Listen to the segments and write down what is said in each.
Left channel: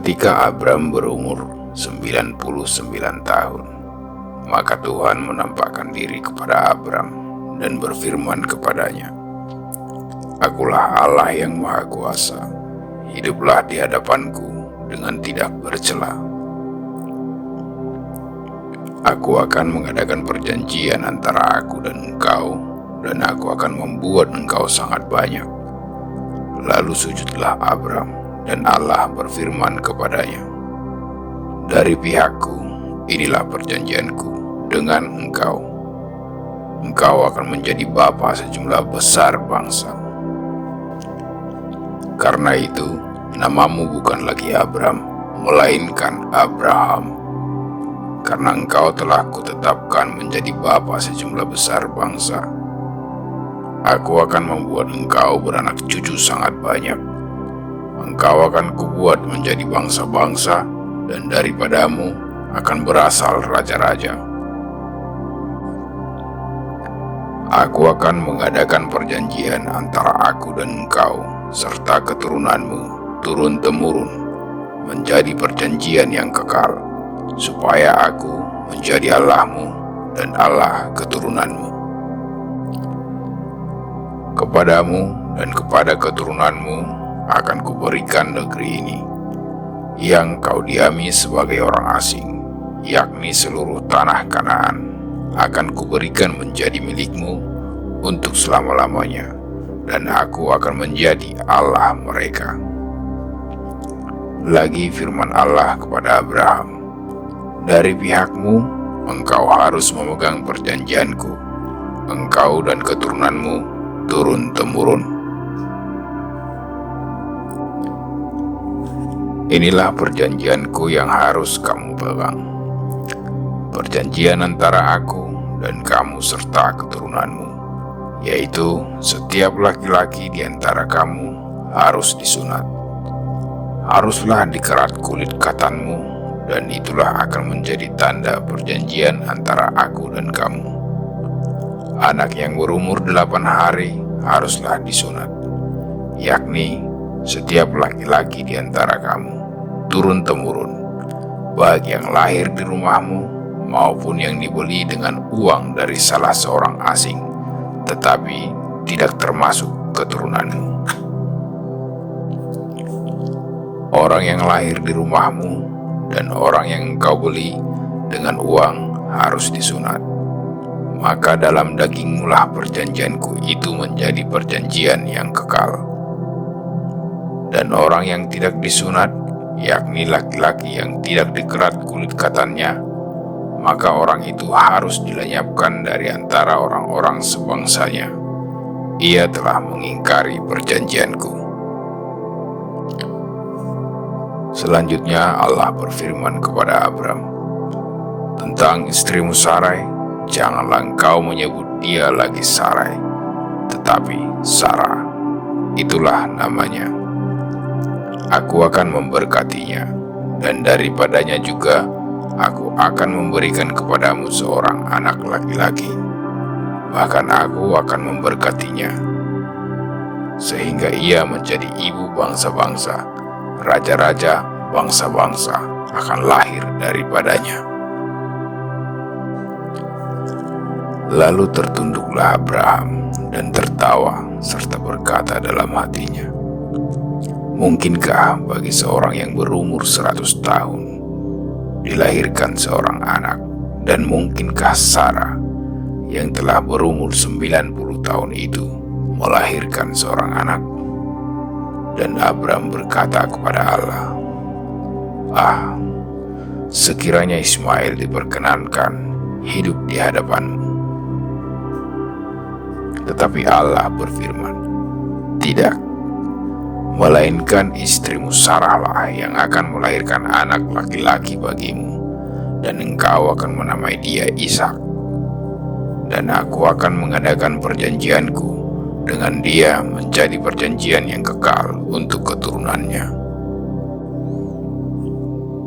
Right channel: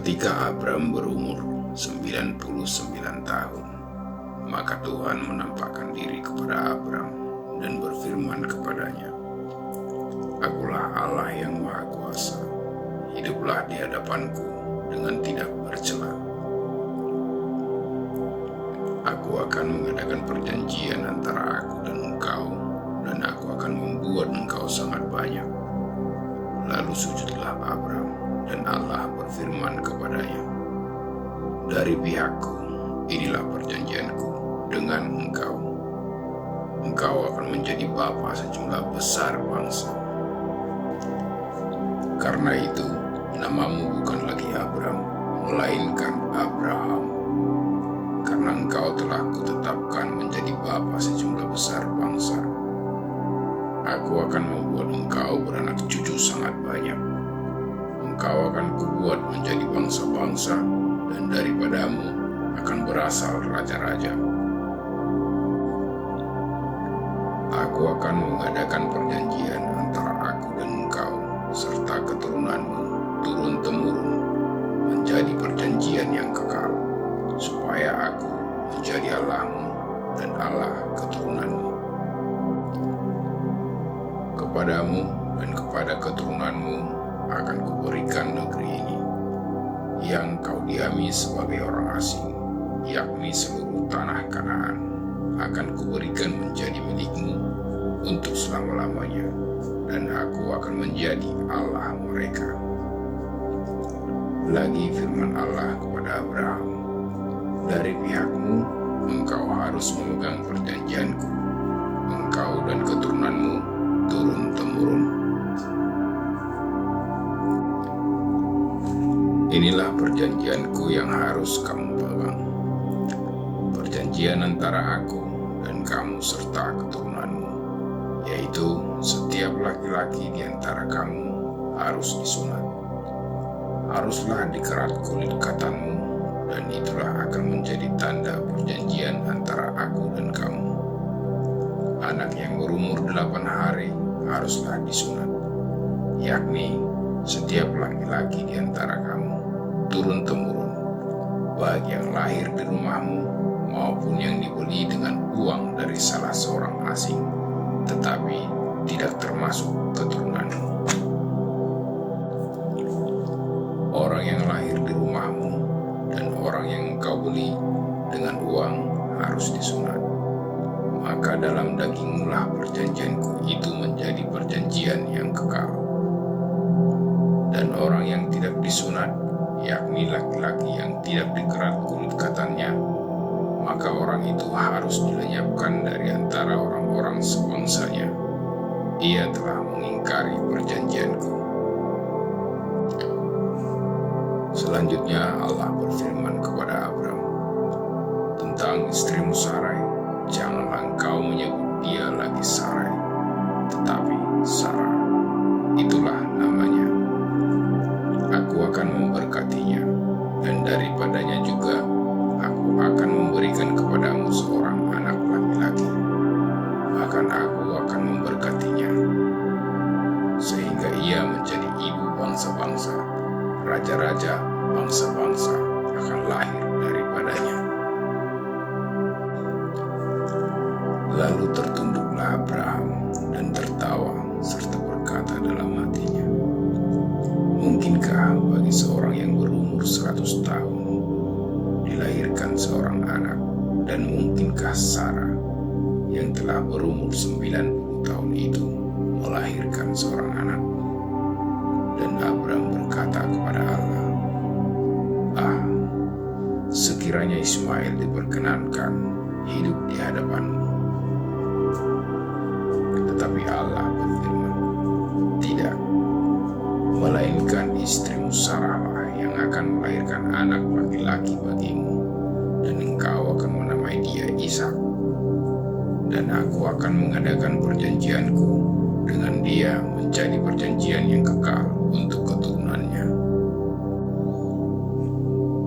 Ketika Abram berumur 99 tahun, maka Tuhan menampakkan diri kepada Abram dan berfirman kepadanya, "Akulah Allah yang Maha Kuasa, hiduplah di hadapanku dengan tidak bercela. Aku akan mengadakan perjanjian antara aku dan engkau, dan aku akan membuat engkau sangat banyak." Lalu sujudlah Abram, dan Allah berfirman kepadanya, "Dari pihakku, inilah perjanjianku dengan engkau. Engkau akan menjadi bapa sejumlah besar bangsa. Karena itu, namamu bukan lagi Abram, melainkan Abraham, karena engkau telah kutetapkan menjadi bapa sejumlah besar bangsa. Aku akan membuat engkau beranak cucu sangat banyak. Engkau akan kubuat menjadi bangsa-bangsa, dan daripadamu akan berasal raja-raja. Aku akan mengadakan perjanjian antara aku dan engkau serta keturunanmu turun-temurun, menjadi perjanjian yang kekal, supaya aku menjadi Allahmu dan Allah keturunanmu. Kepadamu dan kepada keturunanmu akan kuberikan negeri ini, yang kau diami sebagai orang asing, yakni seluruh tanah Kanaan, akan kuberikan menjadi milikmu untuk selama-lamanya, dan aku akan menjadi Allah mereka." Lagi firman Allah kepada Abraham, "Dari pihakmu, engkau harus memegang perjanjianku, engkau dan keturunanmu turun-temurun. Inilah perjanjianku yang harus kamu pegang, perjanjian antara aku dan kamu serta keturunanmu, yaitu setiap laki-laki di antara kamu harus disunat. Haruslah dikerat kulit katanmu, dan itulah akan menjadi tanda perjanjian antara aku dan kamu. Anak yang berumur 8 hari haruslah disunat, yakni setiap laki-laki di antara kamu, turun-temurun, baik yang lahir di rumahmu maupun yang dibeli dengan uang dari salah seorang asing, tetapi tidak termasuk keturunanmu. Orang yang lahir di rumahmu dan orang yang engkau beli dengan uang harus disunat. Maka dalam dagingmulah perjanjianku itu menjadi perjanjian yang kekal. Dan orang yang tidak disunat, yakni laki-laki yang tidak dikerat kulit katannya, maka orang itu harus dilenyapkan dari antara orang-orang sebangsanya. Ia telah mengingkari perjanjianku." Selanjutnya Allah berfirman kepada Abram, "Tentang istrimu Sarai, janganlah engkau menyebut dia lagi Sarai, tetapi Sarah, itulah namanya. Aku akan memberkatinya, dan daripadanya juga aku akan memberikan kepadamu seorang anak laki-laki. Bahkan aku akan memberkatinya, sehingga ia menjadi ibu bangsa-bangsa, raja-raja bangsa-bangsa akan lahir daripadanya." Lalu tertunduklah Abraham dan tertawa serta berkata dalam hatinya, "Mungkinkah bagi seorang yang berumur 100 tahun dilahirkan seorang anak, dan mungkinkah Sarah yang telah berumur 90 tahun itu melahirkan seorang anak?" Dan Abram berkata kepada Allah, sekiranya Ismail diperkenankan hidup di hadapanmu." Tetapi Allah berfirman, "Tidak, melainkan istrimu Sarahlah yang akan melahirkan anak laki-laki bagimu, dan engkau akan menamai dia Ishak. Dan aku akan mengadakan perjanjianku dengan dia menjadi perjanjian yang kekal untuk keturunannya.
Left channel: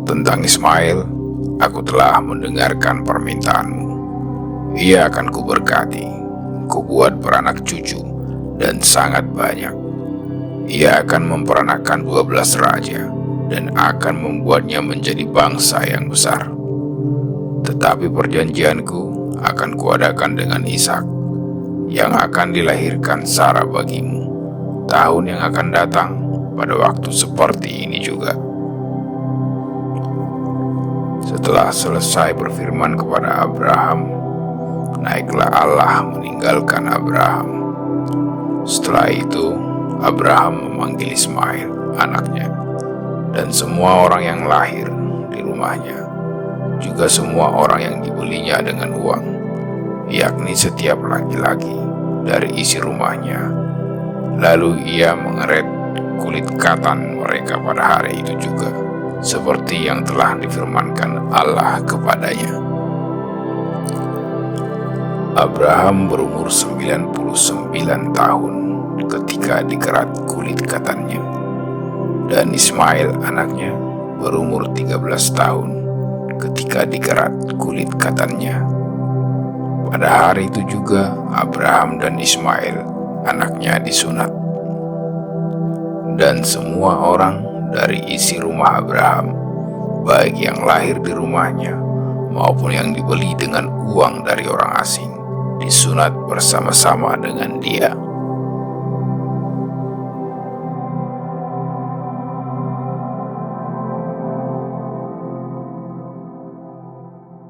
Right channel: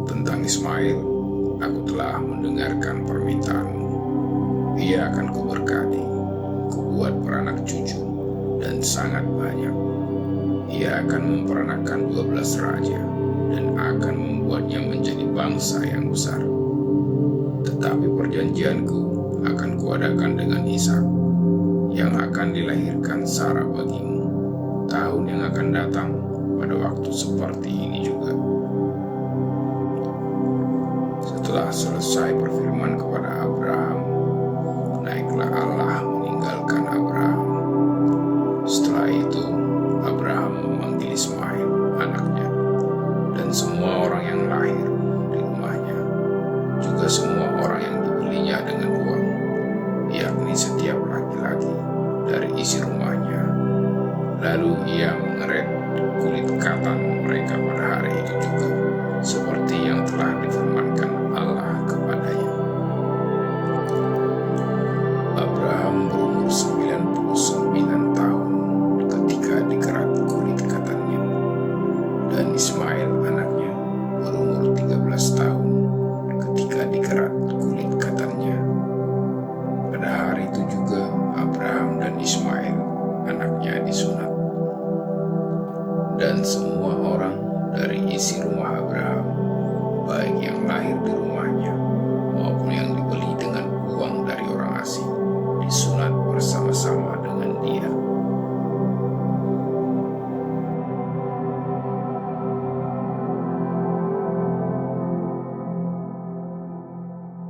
Tentang Ismail, aku telah mendengarkan permintaanmu. Ia akan kuberkati, kubuat beranak cucu dan sangat banyak. Ia akan memperanakkan 12 raja, dan akan membuatnya menjadi bangsa yang besar. Tetapi perjanjianku akan kuadakan dengan Ishak, yang akan dilahirkan Sara bagimu tahun yang akan datang pada waktu seperti ini juga. Setelah selesai berfirman kepada Abraham, naiklah Allah meninggalkan Abraham. Setelah itu, Abraham memanggil Ismail, anaknya, dan semua orang yang lahir di rumahnya, juga semua orang yang dibelinya dengan uang, yakni setiap laki-laki dari isi rumahnya. Lalu ia mengeret kulit katan mereka pada hari itu juga, seperti yang telah difirmankan Allah kepadanya. Abraham berumur 99 tahun ketika dikerat kulit katannya, dan Ismail anaknya berumur 13 tahun ketika dikerat kulit katannya. Pada hari itu juga Abraham dan Ismail anaknya disunat. Dan semua orang dari isi rumah Abraham, baik yang lahir di rumahnya maupun yang dibeli dengan uang dari orang asing, disunat bersama-sama dengan dia.